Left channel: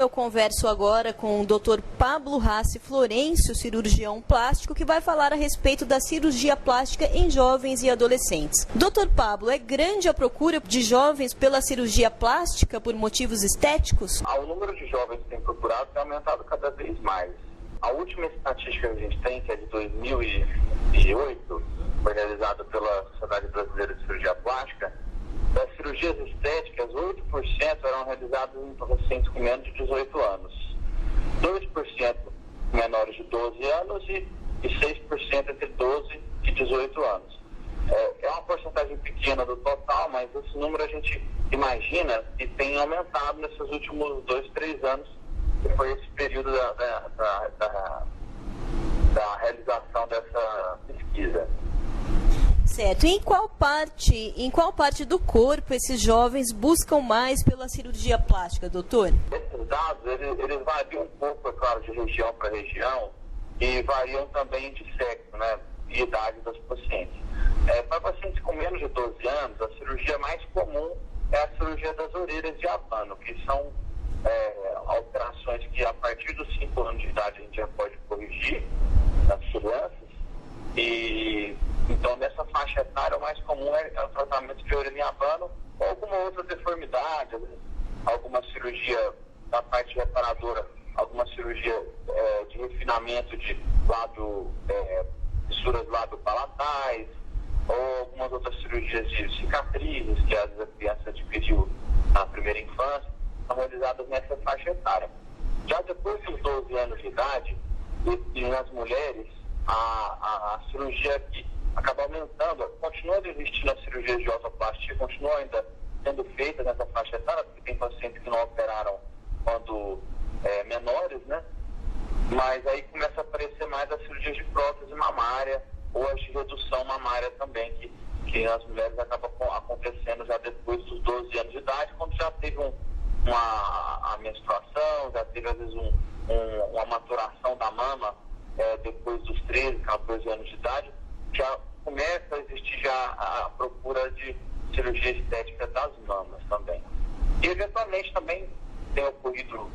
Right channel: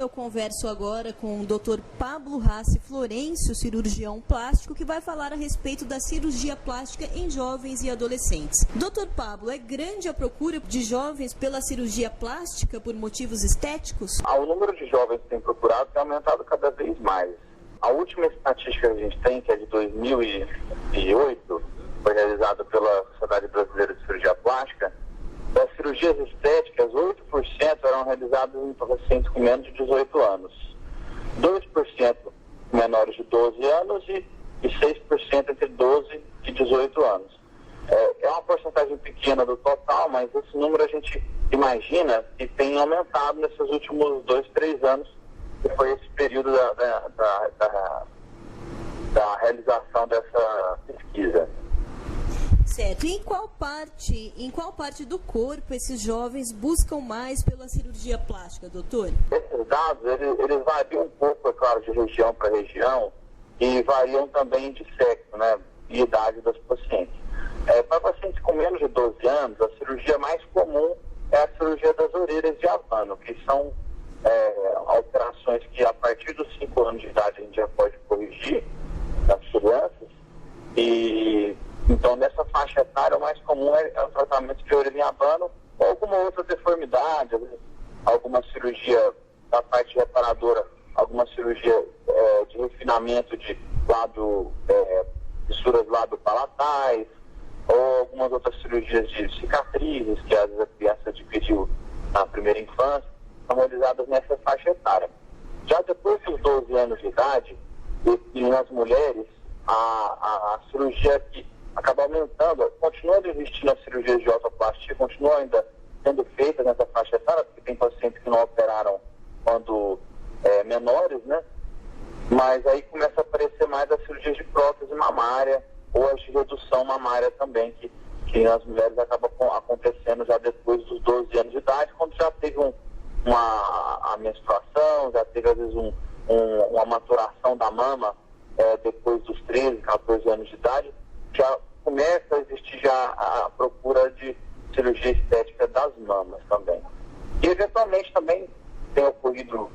Eu converso agora com o Dr. Pablo Rassi Florencio, cirurgião plástico, que vai falar a respeito da cirurgia plástica em jovens e adolescentes. Dr. Pablo, é grande a procura de jovens pela cirurgia plástica por motivos estéticos? O número de jovens que tem procurado tem aumentado cada vez mais. A última estatística que a gente tem, que é de 2008, foi realizada pela Sociedade Brasileira de Cirurgia Plástica. Das cirurgias estéticas, 8% eram realizadas em pacientes com menos de 18 anos, 2% menores de 12 anos e 6% entre 12 e 18 anos. É uma porcentagem pequena do total, mas esse número a gente imagina que tem aumentado nesses últimos 2, 3 anos, que foi esse período da realização dessa pesquisa. Certo. E em qual parte do corpo esses jovens buscam mais pela cirurgia plástica, doutor? Esses dados, eles variam um pouco, é claro, de região para região e variam também de sexo, né, e idade das pacientes. Para pacientes com menos de 12 anos, a cirurgia mais comum é a cirurgia das orelhas de abano, que são alterações que a partir dos 5 anos de idade a gente já pode corrigir nas crianças. E então, nessa faixa etária, o mais comum é o tratamento de orelha em abano ou alguma outra deformidade, alguma cirurgia da parte reparadora, alguma cirurgia de refinamento de fissuras lábio-palatais, ou algumas outras cirurgias de cicatrizes, que às vezes a criança adquiriu na primeira infância, são realizadas nessa faixa etária. Já depois dos 12 anos de idade, e nas mulheres, a cirurgia que acaba aumentando, continuando existindo as cirurgias de autoplastia, continua ainda sendo feitas nessa faixa etária, porque tem pacientes que não operaram quando menores, né? Mas aí começa a aparecer mais as cirurgias de prótese mamária ou as de redução mamária também, que nas mulheres acaba acontecendo já depois dos 12 anos de idade, quando já teve a menstruação, já teve às vezes uma maturação da mama depois dos 13, 14 anos de idade, já começa a existir já a procura de cirurgia estética das mamas também. E eventualmente também tem ocorrido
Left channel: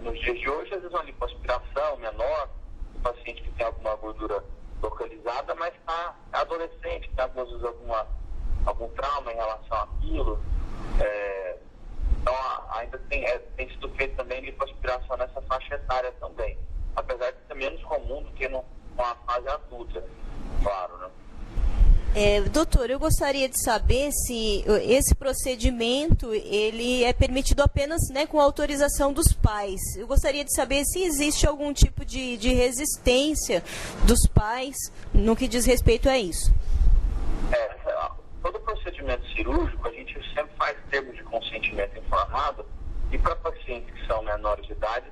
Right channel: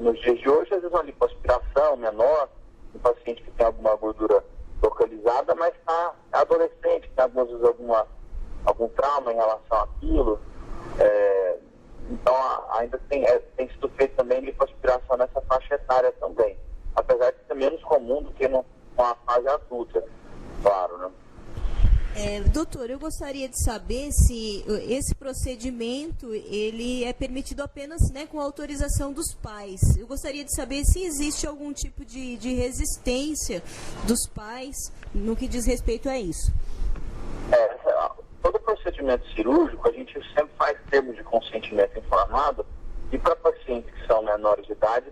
nos dias de hoje, às vezes uma lipoaspiração menor, um paciente que tem alguma gordura localizada, mas está adolescente, tem às vezes algum trauma em relação àquilo. Então ainda tem sido feito também lipoaspiração nessa faixa etária também, apesar de ser menos comum do que numa fase adulta, claro, né? Doutor, eu gostaria de saber se esse procedimento ele é permitido apenas, né, com autorização dos pais. Eu gostaria de saber se existe algum tipo de resistência dos pais no que diz respeito a isso. Todo procedimento cirúrgico, a gente sempre faz termos de consentimento informado, e para pacientes que são menores de idade,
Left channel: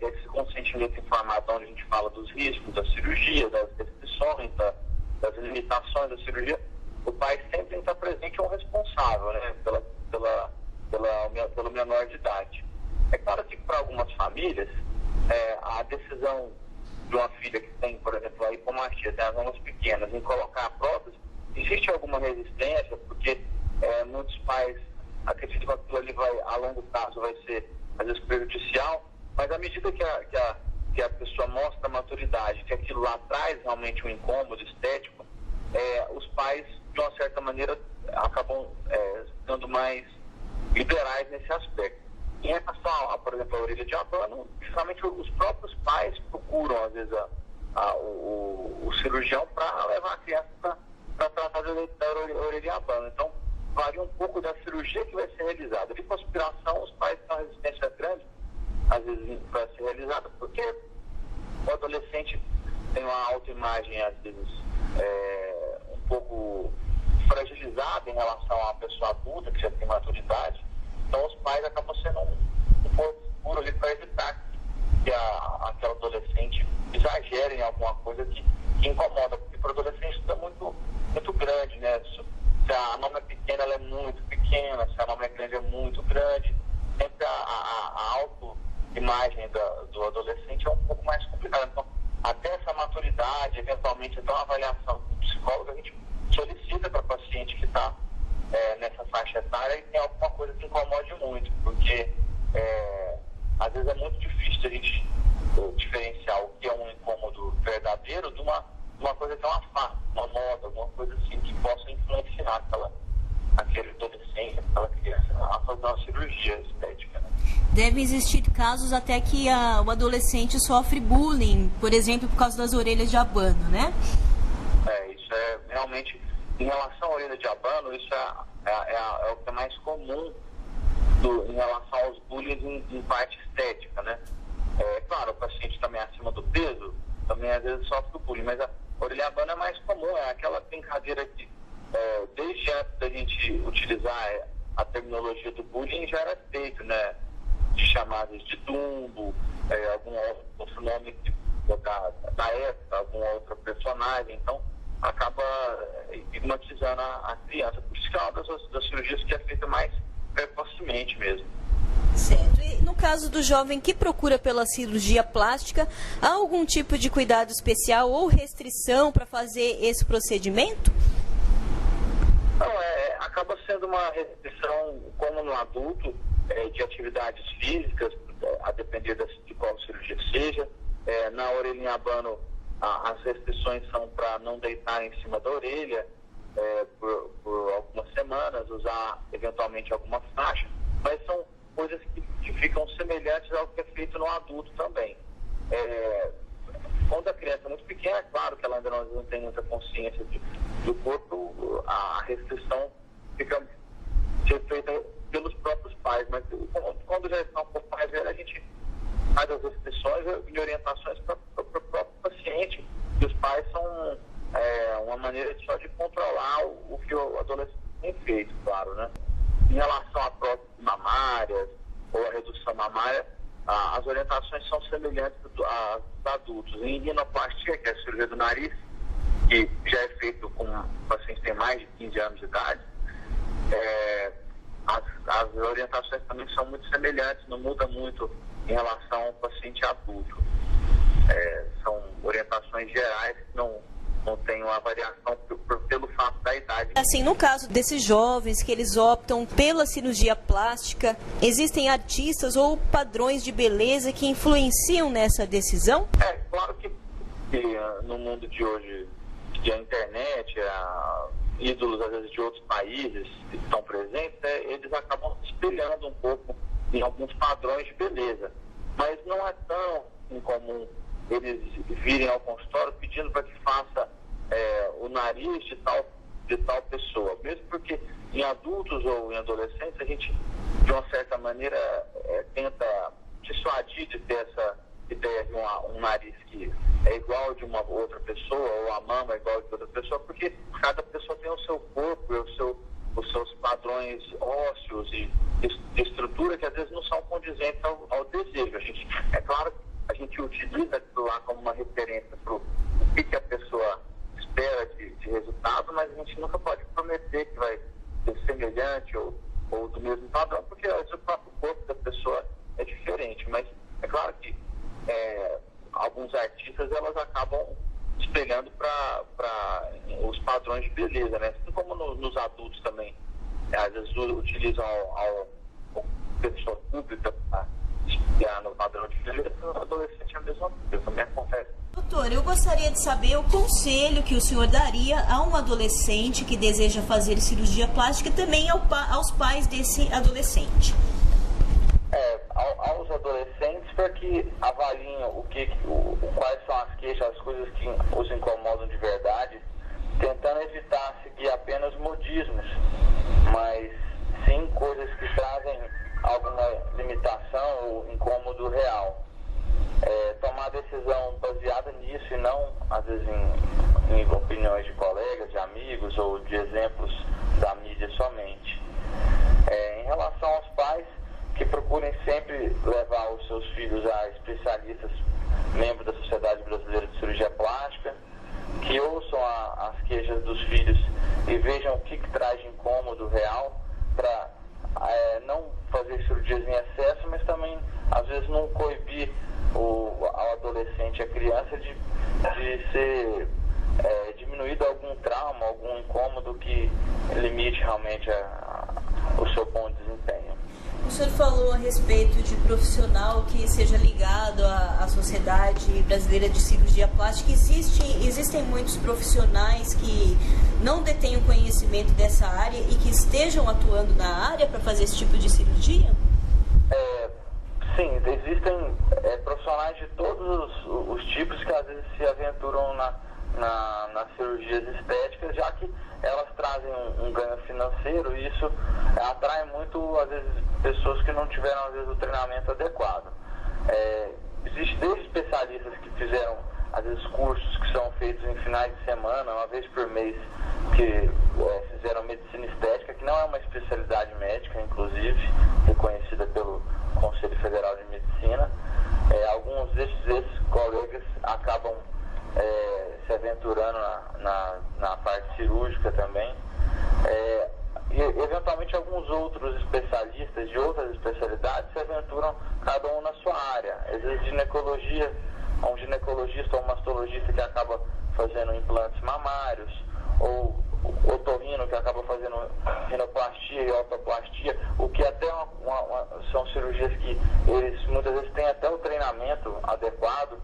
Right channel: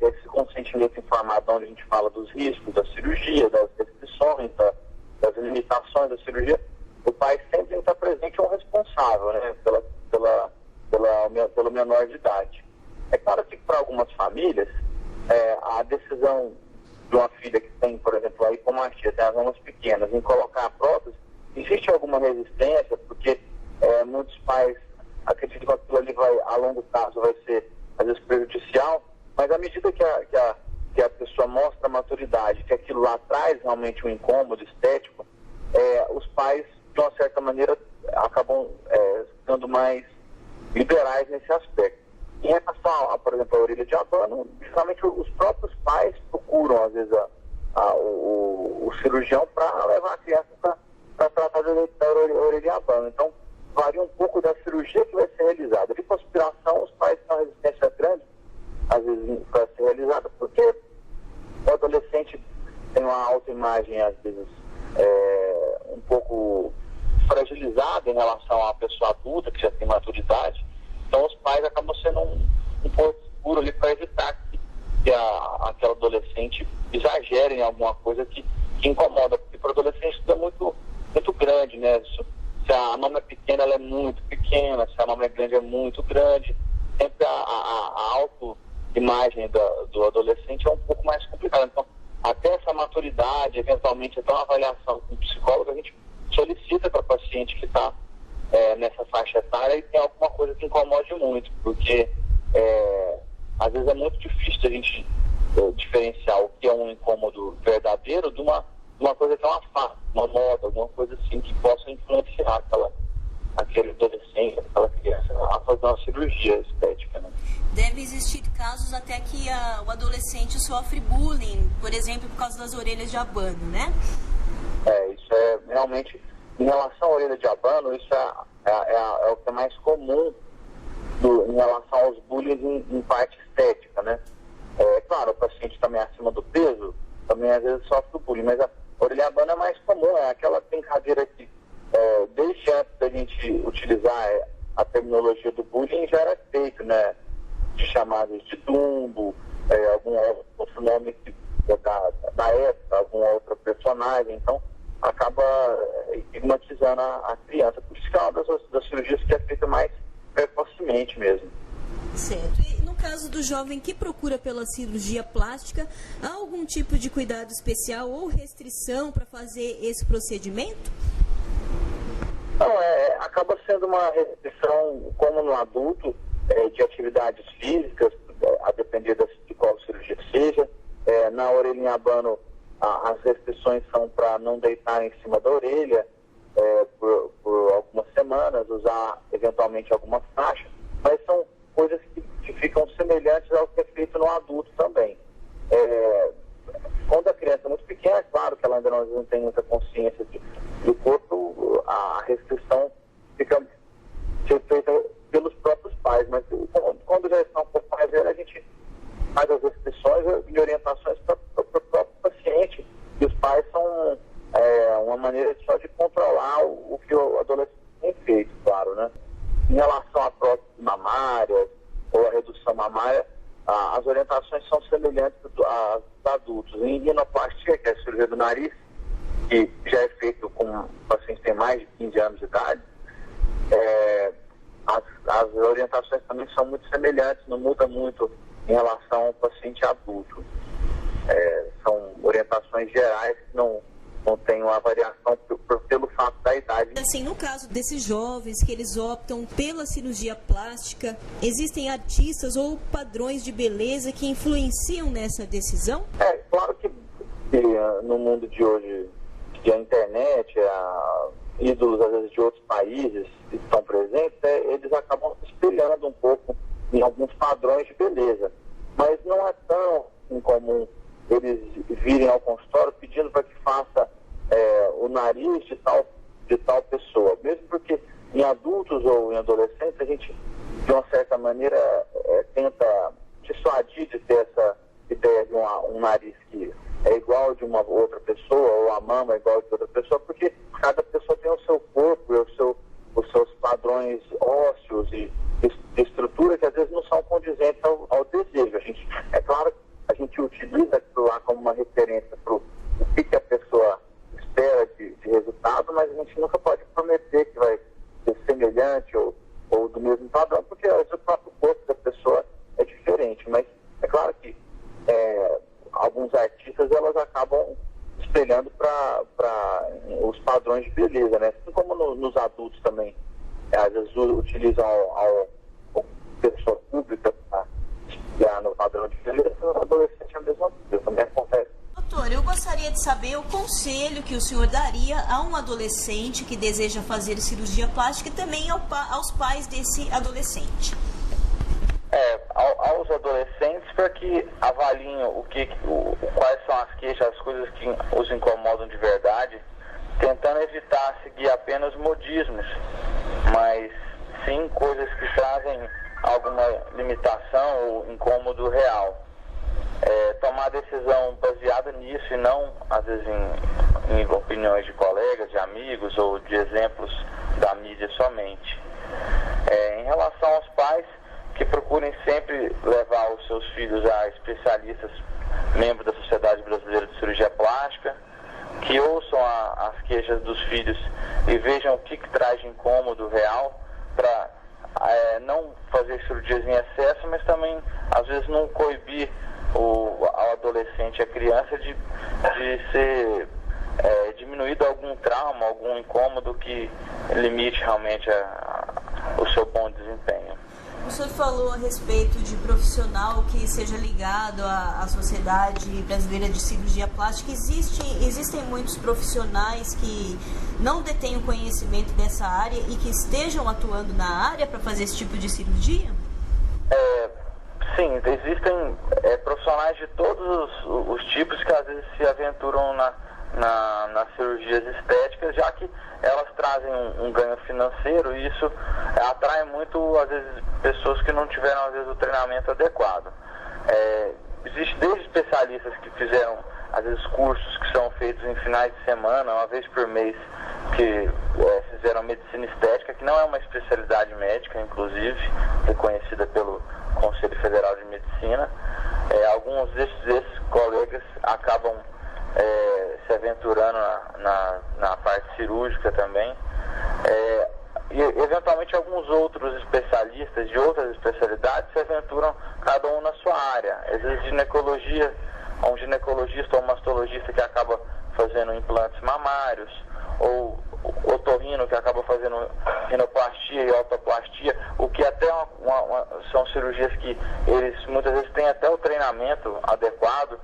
esse consentimento informado, onde a gente fala dos riscos da cirurgia, das restrições, das limitações da cirurgia, o pai sempre está presente, um responsável, né, pelo menor de idade. É claro que para algumas famílias, a decisão de uma filha que tem, por exemplo, a hipomastia, tem as mamas pequenas, em colocar a prótese, existe alguma resistência, porque muitos pais acreditam que aquilo ali a longo prazo vai ser, às vezes, prejudicial, mas à medida que a pessoa mostra a maturidade, que aquilo lá traz realmente um incômodo estético, os pais, de uma certa maneira, acabam ficando mais liberais nesse aspecto. Em relação, por exemplo, a orelha de abano, justamente os próprios pais procuram, às vezes, o cirurgião para levar a criança para tratar da orelha de abano. Então, varia um pouco da cirurgia que vai ser realizada. De lipoaspiração, os pais têm uma resistência grande, às vezes, para ser realizada, porque o adolescente tem uma autoimagem, às vezes, um pouco fragilizada em relação à pessoa adulta, que já tem maturidade. Então, os pais acabam sendo um pouco seguro ali para evitar que aquela adolescente exagere em alguma coisa que incomoda, porque para o adolescente tudo é muito, muito grande, né? Se a mama é pequena, ela é muito pequena, se a mama é grande, é muito grande. Sempre a autoimagem do adolescente é um pouco mais complicada. Então, até essa maturidade, eventualmente até uma avaliação com o psicólogo, a gente solicita para o paciente que está nessa faixa etária e tem alguma coisa que incomode muito, porque às vezes é muito difícil a gente diferenciar o que é um incômodo verdadeiro de uma coisa que é uma farsa, uma moda, alguma coisa assim que possa influenciar aquele adolescente, aquela criança a fazer uma cirurgia estética, né? Deve existir casos até que o adolescente sofre bullying, por exemplo, por causa das orelhas de abano, né? Isso é realmente, em relação à orelha de abano, isso é o que é mais comum em relação aos bullying em parte estética, né? Claro, o paciente também acima do peso, também às vezes sofre do bullying, mas a orelha de abano é mais comum, é aquela brincadeira que desde antes da gente utilizar a terminologia do bullying já era feito, né? De chamadas de Dumbo, algum outro nome da época, alguma outra personagem, então acaba estigmatizando a criança. Por isso que é uma das cirurgias que é feita mais precocemente mesmo. Certo. E no caso do jovem que procura pela cirurgia plástica, há algum tipo de cuidado especial ou restrição para fazer esse procedimento? Não, acaba sendo uma restrição, como no adulto, de atividades físicas, a depender de qual cirurgia que seja. Na orelhinha abano, as restrições são para não deitar em cima da orelha por algumas semanas, usar eventualmente alguma faixa, mas são coisas que ficam semelhantes ao que é feito no adulto também. Quando a criança é muito pequena, é claro que ela ainda não tem muita consciência do corpo, a restrição fica feita pelos próprios pais, mas quando já está um pouco mais velho, a gente faz as restrições e orientações para o próprio paciente, e os pais são uma maneira só de controlar o que o adolescente tem feito, claro, né? Em relação à prótese mamária ou à redução mamária, as orientações são semelhantes às dos adultos. Em rinoplastia, que é a cirurgia do nariz, que já é feito com pacientes que têm mais de 15 anos de idade, as orientações também são muito semelhantes, não muda muito em relação ao paciente adulto. São orientações gerais que não tem uma variação pelo fato da idade. Assim, no caso desses jovens que eles optam pela cirurgia plástica, existem artistas ou padrões de beleza que influenciam nessa decisão? Claro que no mundo de hoje, que a internet, ídolos às vezes de outros países que estão presentes, eles acabam se espelhando um pouco em alguns padrões de beleza. Mas não é tão incomum eles virem ao consultório pedindo para que faça o nariz de tal pessoa. Mesmo porque em adultos ou em adolescentes a gente, de uma certa maneira, tenta dissuadir de ter essa ideia de um nariz que é igual de uma outra pessoa, ou a mama é igual de outra pessoa, porque cada pessoa tem o seu corpo e os seus padrões ósseos e de estrutura que às vezes não são condizentes ao desejo. É claro que a gente utiliza aquilo lá como uma referência para o que a pessoa espera de resultado, mas a gente nunca pode prometer que vai ser semelhante ou do mesmo padrão, porque às vezes o próprio corpo da pessoa é diferente. Mas é claro que alguns artistas elas acabam espelhando para os padrões de beleza, né? Assim como nos adultos também, às vezes utilizam a pessoa pública para espelhar no padrão de beleza, no adolescente é a mesma coisa, também acontece. Doutor, eu gostaria de saber o conselho que o senhor daria a um adolescente que deseja fazer cirurgia plástica e também aos pais desse adolescente. Aos adolescentes, para que avaliem quais são as queixas, as coisas que os incomodam de verdade, tentando evitar seguir apenas modismos, mas sim coisas que trazem alguma limitação ou incômodo real. Tomar decisão baseada nisso e não, às vezes, em opiniões de colegas, de amigos ou de exemplos da mídia somente. Em relação aos pais, que procurem sempre levar os seus filhos a especialistas, membros da Sociedade Brasileira de Cirurgia Plástica, que ouçam as queixas dos filhos e vejam o que traz de incômodo real, para não fazer cirurgias em excesso, mas também, às vezes, não coibir ao adolescente, a criança, de ser diminuído algum trauma, algum incômodo que limite realmente o seu bom desempenho. O senhor falou a respeito de profissional que seja ligado à Sociedade Brasileira de Cirurgia Plástica. Existem muitos profissionais que não detêm o conhecimento dessa área e que estejam atuando na área para fazer esse tipo de cirurgia? Sim, existem profissionais de todos os tipos que às vezes se aventuram nas cirurgias estéticas, já que elas trazem um ganho financeiro e isso atrai muito, às vezes, pessoas que não tiveram, às vezes, o treinamento adequado. Existe desde especialistas que fizeram, às vezes, cursos que são feitos em finais de semana, uma vez por mês, que fizeram medicina estética, que não é uma especialidade médica, inclusive, reconhecida pelo Conselho Federal de Medicina. Alguns desses colegas acabam se aventurando na parte cirúrgica também. E eventualmente alguns outros especialistas de outras especialidades se aventuram cada um na sua área. Às vezes ginecologia, um ginecologista ou um mastologista que acaba fazendo implantes mamários, ou otorrino que acaba fazendo rinoplastia e ortoplastia, o que até são cirurgias que eles muitas vezes têm até o treinamento adequado,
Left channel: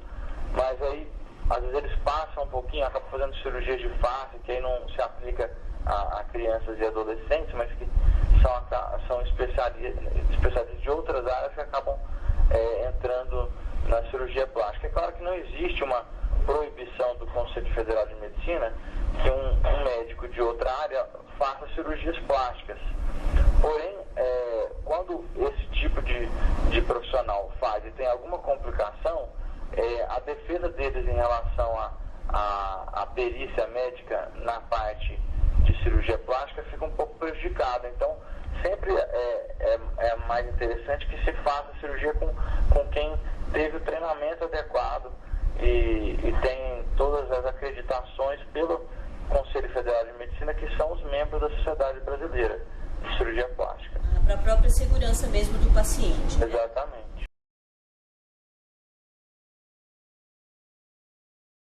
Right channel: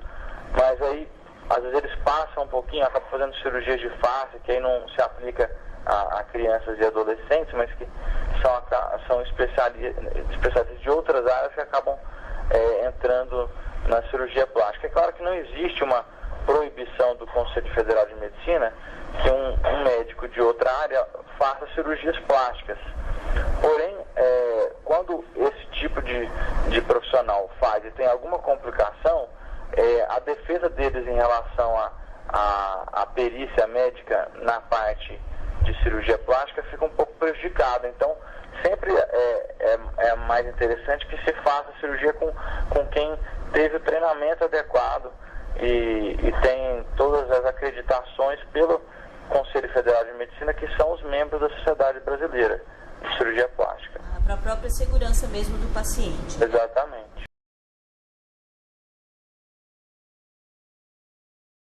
mas aí às vezes eles passam um pouquinho, acabam fazendo cirurgias de face, que aí não se aplica a crianças e adolescentes, mas que são especialistas de outras áreas que acabam entrando na cirurgia plástica. É claro que não existe uma proibição do Conselho Federal de Medicina que um médico de outra área faça cirurgias plásticas. Porém, quando esse tipo de profissional faz e tem alguma complicação, a defesa deles em relação à perícia médica na parte de cirurgia plástica fica um pouco prejudicada. Então, sempre é mais interessante que se faça cirurgia com quem teve o treinamento adequado e tem todas as acreditações pelo Conselho Federal de Medicina, que são os membros da Sociedade Brasileira de Cirurgia Plástica. Para a própria segurança mesmo do paciente. Exatamente.